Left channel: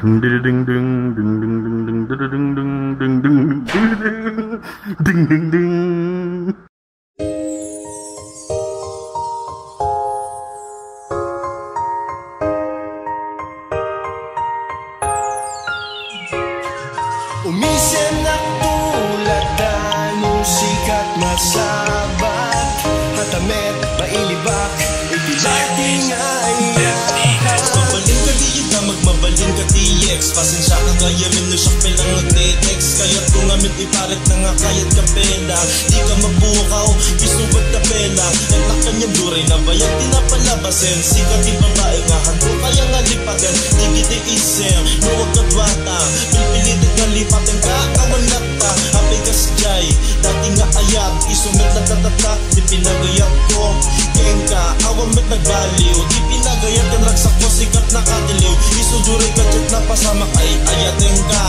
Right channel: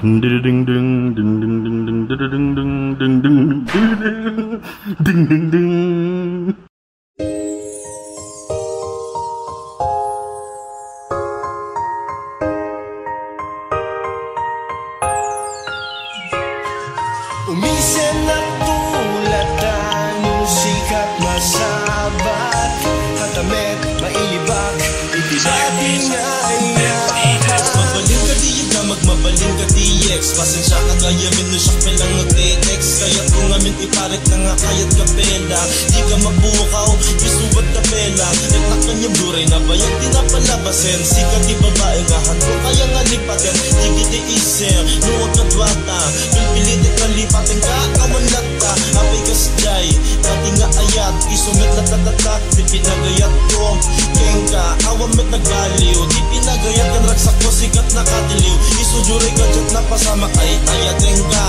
Ding ding ding ding ding ding ding ding ding ding ding ding ding. Umisyan ng tulad na yung sikat na sabat, matamit, mailibak, ibig magbabaling ka DX, pasensya ka ngayon rin na siya kailang nag-text. Kaya kung amin ipalit na nga kaya't kapela, di ka magbukaw, isubat na pela. Naglakan yung buhay na bayang di na palabasin, sikat di babae ka handong kaya nga lipatin. Tiki-tiki-sir, huwag na bata, yung pilitin na lipatin ka, kawalat ka. Amay ka stray, dati nga ayak, isumit na tatatak, di pinagayat ko. Kenga, awag na nagbaliw, di pinagayat ang ragsak ko, sikat na katiliw. Isuduri ka dyan na pasama ay ayatin ka.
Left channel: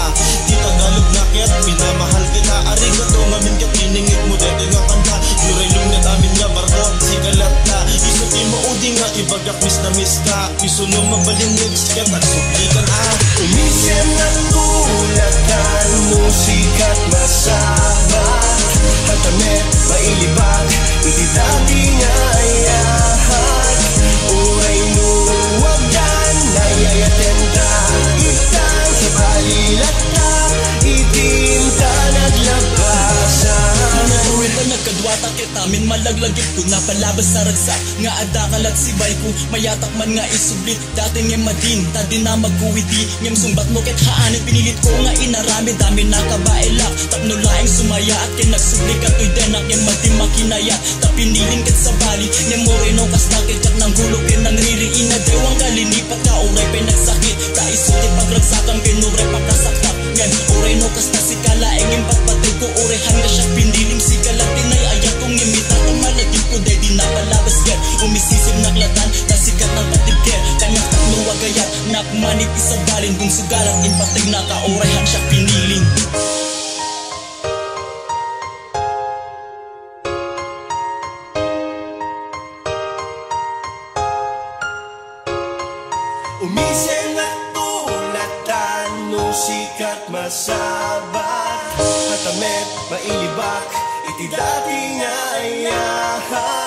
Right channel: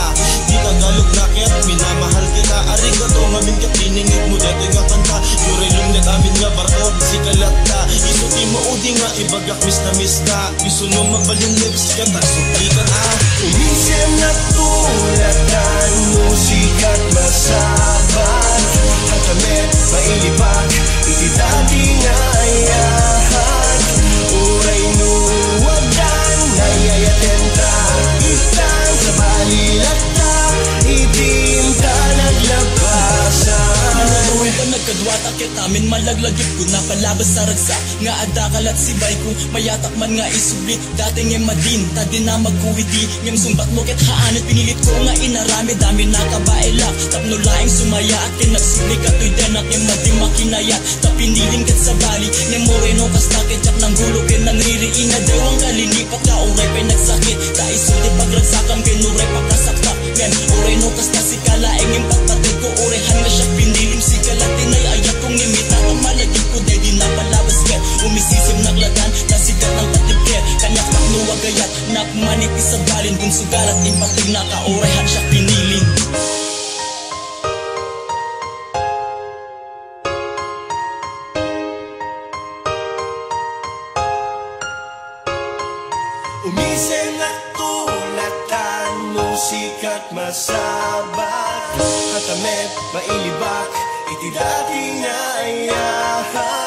Di Tagalog raket, minamahal kita. Aring na tumamin ka, tiningit mo dete nga kanta. Urilungat amin nga barok, sigalat ka. Isudi mo udi nga, ipagkakwis na miss ka. Isuno mabalin lips, kaya nasuklitan ka. Umisyan na tulad ka, musikat na sabat, matamit, mailibag, hindi dami na ayahan. Uray mo huwag yan, nayayatin ka. Kita sa balilat ka, itim ka naglabasan. Uwin na nagkadwat at kitamin malaglagit ko na palabas sa ragsa. Nga adakal at sibay ko, mayatak man nga isublit. Dating yung madin, tadi na magkuwiti. Ngayong sumbat mo ket haani, pinilit ko nga inarami. Dami na kabailak, tapno laing sumaya. At kinagsinig at uiten ang imating makinaya. Tapinilin kat sa bali, yung mo inukas nakit at nang gulupin ang ririki. Na diwang kalinipat ka, uray pa'y nagsakit. Dahil sulit paglagsakang binuray pagkasakak. Yan, uray nukas na si kalaing yung patpatid ko. Uray hali siya pinilim si kalatin ay ayat kong imita. Umalagin ko, de di na palabas ka. Umisisim naklatan, nasikat ang patiker. Kanya kakluwag kaya, nakmanit isagalin. Kung sugalat impatay na ka, uray han siya piniling. Umisyan na tulatan, musikat masabat, matamit, mailibak, iti dating ayahan.